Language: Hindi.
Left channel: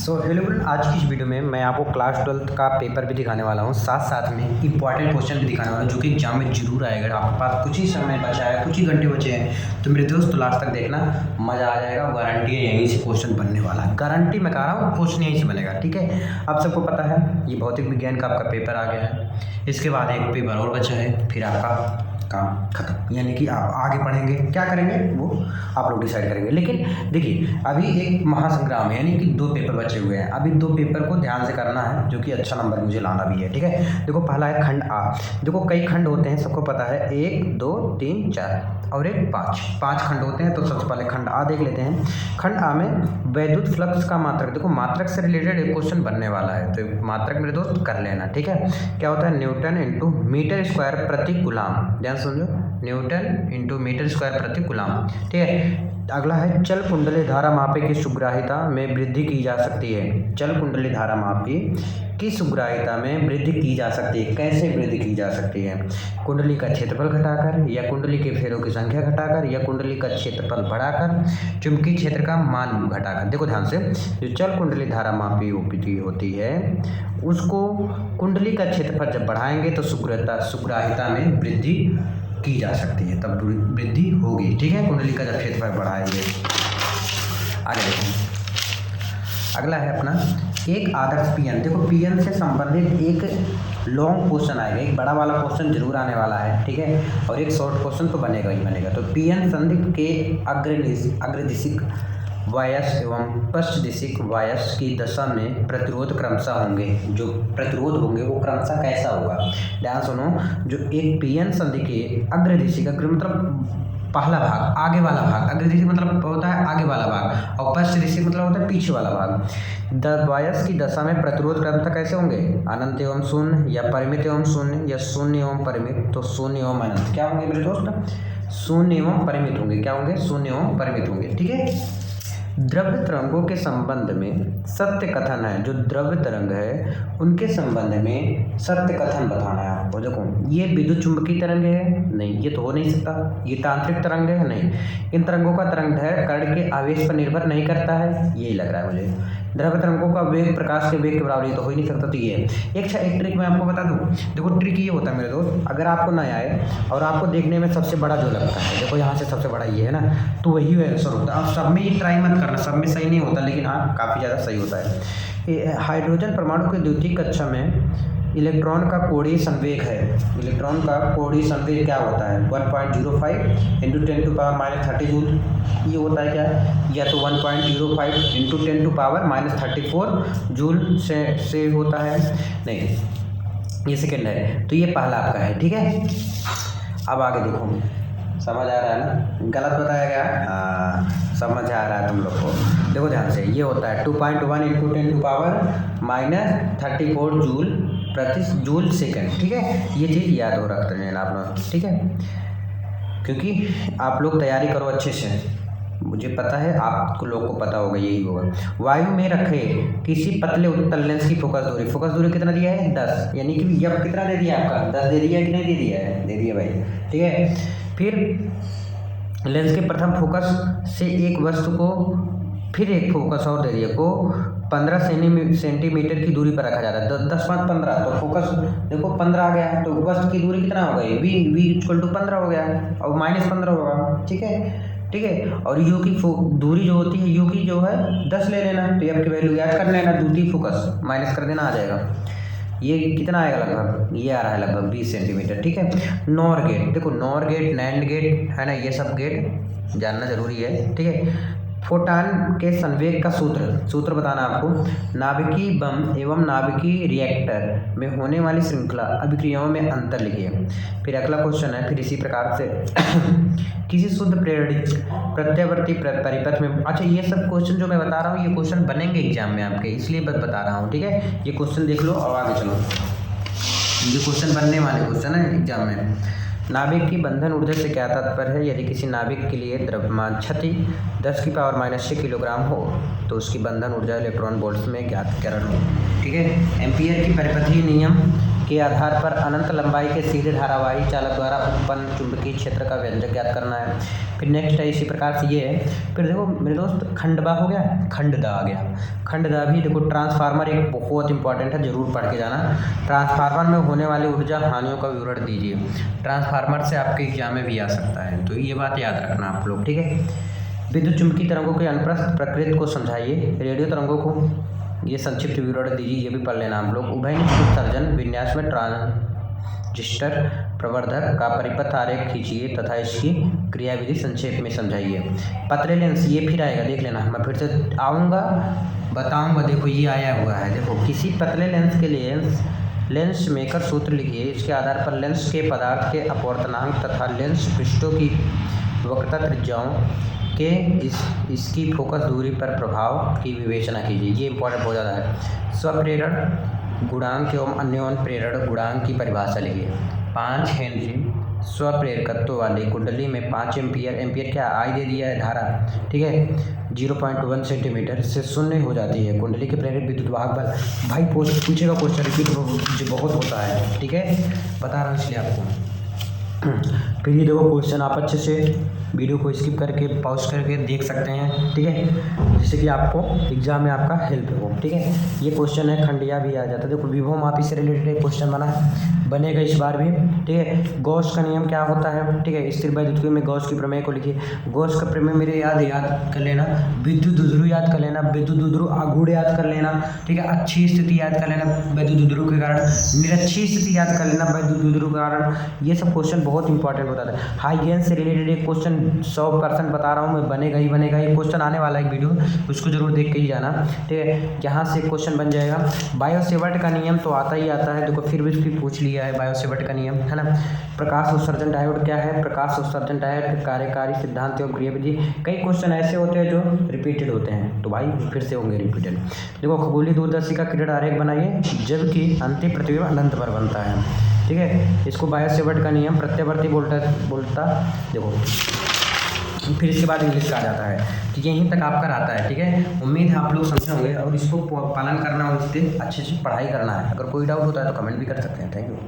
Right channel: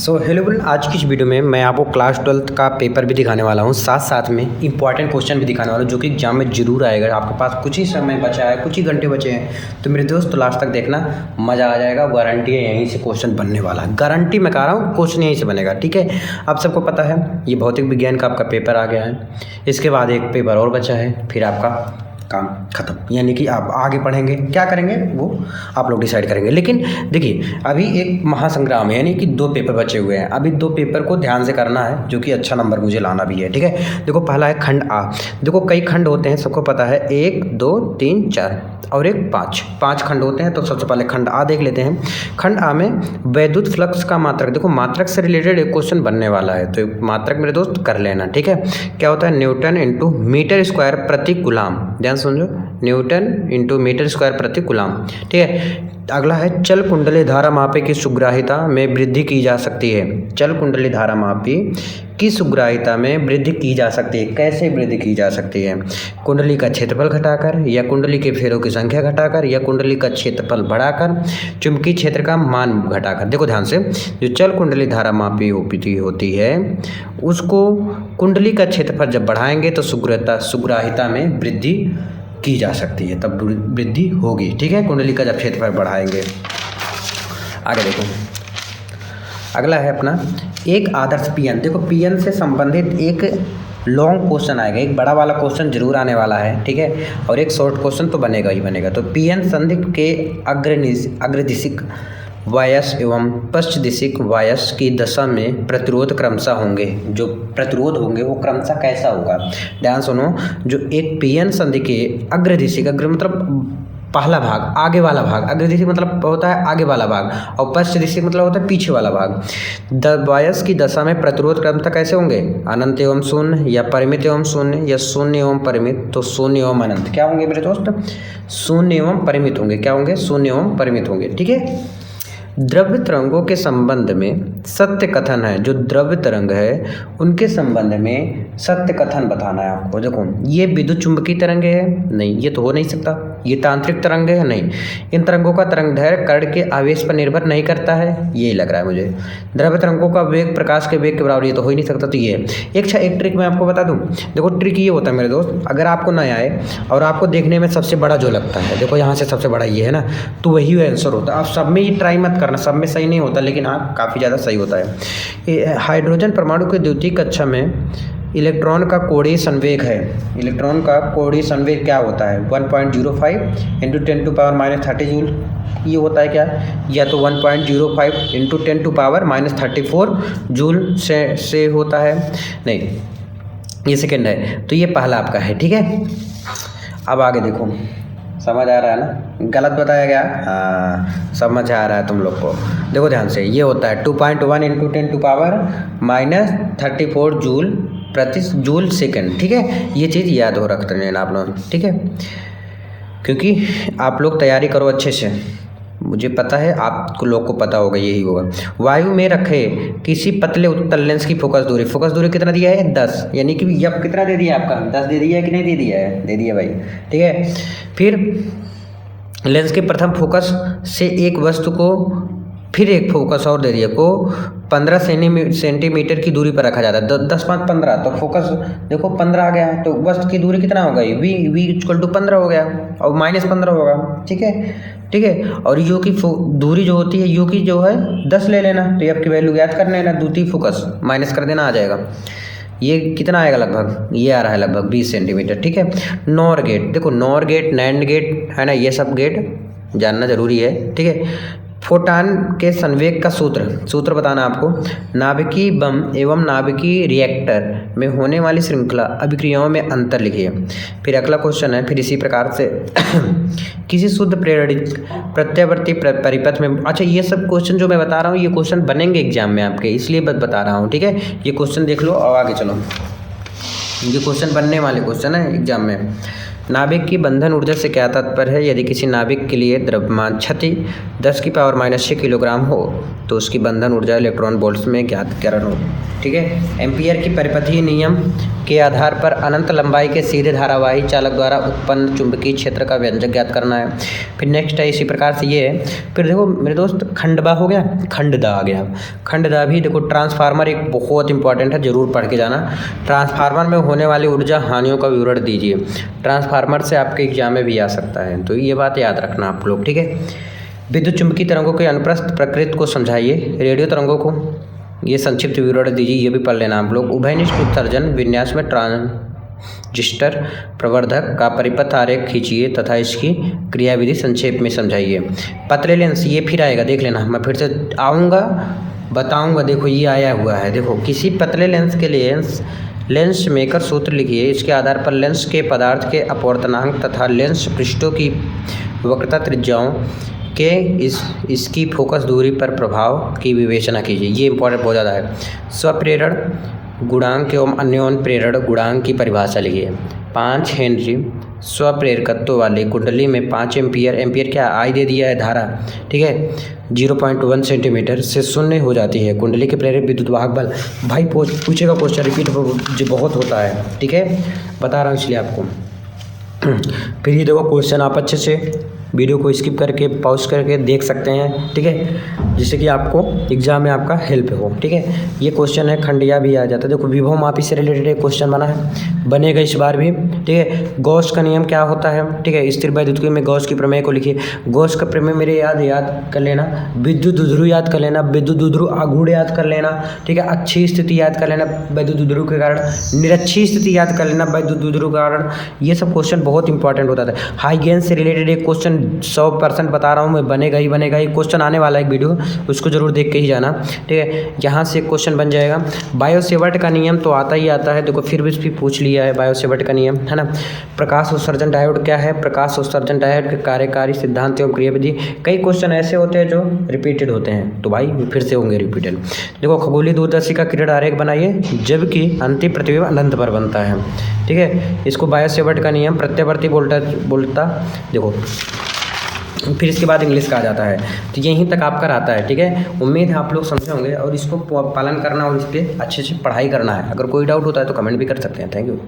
हेलो फ्रेंड, आज की इस वीडियो में मैं आपको क्लास 12th का पेपर भी दिखाने वाला हूँ, साथ साथ में इंपॉर्टेंट क्वेश्चन भी दिखाने वाला हूँ जो कि एग्जाम में जरूर आएगा। आपके पास कुछ ही समय बचा है, कुछ ही घंटे बचे हैं, तो मेरे दोस्त लास्ट तक देखना, मज़ा आ जाएगा। गारंटी है यहीं से क्वेश्चन बनने वाला है, गारंटी मैं कह रहा हूँ, क्वेश्चन यहीं से बनेगा। ठीक है, आप सबको पता है ये भौतिक विज्ञान का आपका पेपर आ गया है, इसके बाद एक पेपर और बचा है, फिर आपका काम खत्म। यानी कि आप आगे पढ़ेंगे, क्या करेंगे वो आप लोग डिसाइड करेंगे। लेकिन देखिए, अभी एक महासंग्राम है, यानी कि 2 पेपर बचे हुए हैं। अभी 2 पेपर को ध्यान से करना है, जो कि अच्छा नंबर मुझे लाना भी है। ठीक है, देखो पहला है खंड आ। देखो कई खंड होते हैं, सबको पता है, 1 2 3 4 और एक 5 खंड होते हैं। तो सबसे पहले खंड आ देख लेते हैं। खंड आ में वैद्युत फ्लक्स का मात्रक, देखो मात्रक से रिलेटेड एक क्वेश्चन बनने वाला है, तो मात्रक मेरे दोस्त कर लेना। ठीक है, क्या होता है, न्यूटन इंटू मीटर स्क्वायर प्रति कूलाम। ध्यान समझो, न्यूटन इंटू मीटर स्क्वायर प्रति कूलाम। ठीक है, अगला है चल कुंडली धारा मापी की सुग्राहिता में वृद्धि की जा सकती है। चल कुंडली धारा मापी की सुग्राहिता में वृद्धि की जा सकती है। कैसे वृद्धि की जा सकती है? कुंडली का क्षेत्रफल घटाकर, या कुंडली के फेरों की संख्या घटाकर, या कुंडली का क्षेत्रफल बढ़ाकर, चुंबकीय क्षेत्र का मान घटाकर। देखो ध्यान से, जो चल कुंडली धारा मापी होती है उसको कुंडली का क्षेत्रफल जब बढ़ाएंगे तो सुग्राहिता में वृद्धि की जा सकती है, तब वृद्धि होगी। ठीक है, कुंडली का जब क्षेत्रफल बढ़ाएंगे। आगे देखो, अगला है अपना एक आदर्श पीएन। देखो पीएन से संबंधित एक लॉन्ग क्वेश्चन आएगा, एक बड़ा वाला क्वेश्चन जरूर आने वाला है। ठीक है, और एक शॉर्ट क्वेश्चन तो बनेगा ही बनेगा। तो पीएन संदिग्ध के अग्रदिशिक वायस एवं पश्चदिशिक वायस की दशा में प्रतिरोध क्रमशः होंगे। जो प्रतिरोध होंगे वो क्रमशः कैसा होगा? ध्यान सुनो, जो एक पीएन संधि के अग्रदिशिक, अग्र मतलब पहला भाग, आगे वाला भाग, अग्रदिशिक मतलब होता है आगे वाला भाग, और पश्चदिशिक मतलब होता है पीछे वाला भाग। वायस की दशा में प्रतिरोध क्रमशः कैसे होंगे? अनंत एवं शून्य, या परिमित एवं शून्य, या शून्य एवं परिमित। तो शून्य एवं अनंत क्या होंगे मेरे दोस्त? शून्य एवं परिमित होंगे। क्या होंगे? शून्य एवं परिमित होंगे। ठीक है, द्रव्य तरंगों के संबंध में सत्य कथन है। जो द्रव्य तरंग है उनके संबंध में सत्य कथन बताना है आपको। देखो ये विद्युत चुंबकीय तरंग है, नहीं ये तो हो नहीं सकता। ये तांत्रिक तरंग है, नहीं। इन तरंगों का तरंग दैर्घ्य कण के आवेश पर निर्भर नहीं करता है, यही लग रहा है मुझे। द्रव्य तरंगों का वेग प्रकाश के वेग के बराबर, ये तो हो ही नहीं सकता। तो ये एक ट्रिक मैं आपको बता दूं। देखो ट्रिक ये होता है मेरे दोस्त, अगर आपको ना आए और आपको देखने में सबसे बड़ा जो लगता है, देखो यहाँ से सबसे बड़ा ये है ना, तो वही आंसर होता है। आप सब में ये ट्राई मत करना, सब में सही नहीं होता, लेकिन हाँ काफ़ी ज़्यादा सही होता है। हाइड्रोजन परमाणु के द्वितीय कक्षा में इलेक्ट्रॉन का कोणीय संवेग है। इलेक्ट्रॉन का कोणीय संवेग क्या होता है? 1.05 इंटू 10⁻³ जूल। ये होता है क्या? या तो 1.05 इंटू 10⁻34 जूल से होता है, नहीं ये सेकेंड है। तो ये पहला आपका है। ठीक है, अब आगे देखो, समझ आ रहा है ना? गलत बताया गया? हाँ समझ आ रहा है तुम लोग को। देखो ध्यान से, ये होता है 2.1 इंटू 10⁻34 जूल प्रति जूल सेकेंड। ठीक है, ये चीज़ याद हो रख लेना आप लोग। ठीक है, क्योंकि आप लोग तैयारी करो अच्छे से, मुझे पता है आप लोग को पता होगा, यही होगा। वायु में रखे किसी पतले उत्तल लेंस की फोकस दूरी कितना दिया है? 10। यानी कि यह कितना दे दिया आपका? 10 दे दिया है कि नहीं दे दिया है? दे दिया भाई। ठीक है, फिर लेंस के प्रथम फोकस से एक वस्तु को फिर एक फोकस और दे दिया को 15 सेंटीमीटर की दूरी पर रखा जाता है। 10 5 15, तो फोकस देखो 15 आ गया, तो वस्तु की दूरी कितना हो गई? v = 15 हो गया, और -15 होगा। ठीक है, और यू की दूरी जो होती है, यू की जो है 10 ले लेना, तो ये आपकी वैल्यू याद कर लेना, द्वितीय फोकस माइनस कर देना, आ जाएगा। ये कितना आएगा? लगभग ये आ रहा है लगभग 20 सेंटीमीटर। ठीक है, नॉर गेट, देखो नॉर गेट, नैंड गेट है ना, ये सब गेट जानना जरूरी है। ठीक है, फोटॉन के संवेग का सूत्र बताना आपको। नाभिकीय बम एवं नाभिकीय रिएक्टर में होने वाली श्रृंखला अभिक्रियाओं में अंतर लिखिए। फिर अगला क्वेश्चन है, फिर इसी प्रकार से किसी शुद्ध प्रेरणित प्रत्यावर्ती परिपथ में। अच्छा, ये सब क्वेश्चन जो मैं बता रहा हूँ, ये क्वेश्चन बनेंगे एग्जाम में आपके, इसलिए बता रहा हूँ। ठीक है, ये क्वेश्चन देख लो और आगे चलो। ये क्वेश्चन बनने वाले क्वेश्चन है एग्जाम में। नाभिक की बंधन ऊर्जा से क्या तात्पर्य है? यदि किसी नाभिक के लिए द्रव्यमान क्षति 10⁻⁻6 किलोग्राम हो तो उसकी बंधन ऊर्जा इलेक्ट्रॉन वोल्ट्स में ज्ञात करना हो। ठीक है, एम्पियर की परिपथीय नियम के आधार पर अनंत लंबाई के सीधे धारावाही चालक द्वारा उत्पन्न चुंबकीय क्षेत्र का व्यंजक ज्ञात करना है। फिर नेक्स्ट है इसी प्रकार से ये है। फिर देखो मेरे दोस्त खंडबा हो गया, खंडदा आ गया। खंडदा भी देखो ट्रांसफार्मर एक बहुत इंपॉर्टेंट है, जरूर पढ़ के जाना। ट्रांसफार्मर में होने वाली ऊर्जा हानियों का विवरण दीजिए। ट्रांसफार्मर से आपके एग्जाम में भी आ सकता है, तो ये बात याद रखना आप लोग। ठीक है, विद्युत चुंबकीय तरंगों के अनुप्रस्थ प्रकृति को समझाइए। रेडियो तरंगों को ये संक्षिप्त विवरण दीजिए, ये भी पढ़ लेना आप लोग। उभयनिष्ठ उत्सर्जन विन्यास में ट्रांजिस्टर प्रवर्धक का परिपथ आरेख खींचिए तथा इसकी क्रियाविधि संक्षेप में समझाइए। पतले लेंस ये फिर आएगा, देख लेना, मैं फिर से आऊँगा बताऊँगा। देखो ये आया हुआ है, देखो किसी पतले लेंस के लिए लेंस मेकर सूत्र लिखिए। इसके आधार पर लेंस के पदार्थ के अपवर्तनांक तथा लेंस पृष्ठों की वक्रता त्रिज्याओं के इसकी फोकस दूरी पर प्रभाव की विवेचना कीजिए। ये इंपॉर्टेंट बहुत ज़्यादा है। स्वप्रेरण गुणांक एवं अन्योन प्रेरण गुणांक की परिभाषा लिखिए। 5 हेनरी स्वप्रेरकत्व वाली कुंडली में 5 एम्पियर क्या आई दे दिया है धारा। ठीक है, 0.1 सेंटीमीटर से शून्य हो जाती है कुंडली के प्रेरित विद्युत वाहक बल। भाई पूछेगा क्वेश्चन, रिपीट बहुत होता है। ठीक है, बता रहा हूँ इसलिए आपको। फिर ये देखो क्वेश्चन आप अच्छे से वीडियो को स्किप करके पॉज करके देख सकते हैं। ठीक है, जिससे कि आपको एग्जाम में आपका हेल्प हो। ठीक है, ये क्वेश्चन है, खंडिया भी आ जाता है। देखो विभव मापी से रिलेटेड एक क्वेश्चन बना है, बनेगा इस बार भी। ठीक है, गॉस का नियम क्या होता है? ठीक है, स्थिर वैद्युत में गॉस की प्रमेय को लिखिए। गॉस का प्रमेय मेरे याद कर लेना। विद्युत दुध्रुव याद कर लेना, विद्युत दुध्रुव आघूर्ण याद कर लेना। ठीक है, अच्छी स्थिति याद कर लेना वैद्युत दुध्रुव के कारण, निरक्षी स्थिति याद कर लेना वैद्युत दुध्रुव के कारण। ये सब क्वेश्चन बहुत इंपॉर्टेंट होता है। हाइगेन से रिलेटेड एक क्वेश्चन 100% बता रहा हूँ मैं, बनेगा ही बनेगा। एक क्वेश्चन आने वाला है, एक वीडियो, उसको जरूर देख के ही जाना। ठीक है, यहाँ से क्वेश्चन बन जाएगा। बायो-सेवर्ट का नियम तो आता ही आता है, देखो फिर भी पूछ लिया है बायो-सेवर्ट का नियम, है ना। प्रकाश उत्सर्जन डायोड क्या है? प्रकाश उत्सर्जन डायोड के कार्यकारी सिद्धांत एवं क्रियाविधि। कई क्वेश्चन ऐसे होते हैं जो रिपीटेड होते हैं, तो भाई फिर से होंगे रिपीटेड। देखो खगोलीय दूरदर्शी का किरण आरेख बनाइए जबकि अंतिम प्रतिबिंब अनंत पर बनता है। ठीक है, इसको बायो-सेवर्ट का नियम प्रत्यावर्ती बोलता देखो। फिर इसके बाद इंग्लिश का आ जाता है, तो यहीं तक आपका रहता है। ठीक है, उम्मीद है आप लोग समझे होंगे और इसको पालन करना और इस पर अच्छे से पढ़ाई करना है। अगर कोई डाउट होता है तो कमेंट भी कर सकते हैं। Thank you.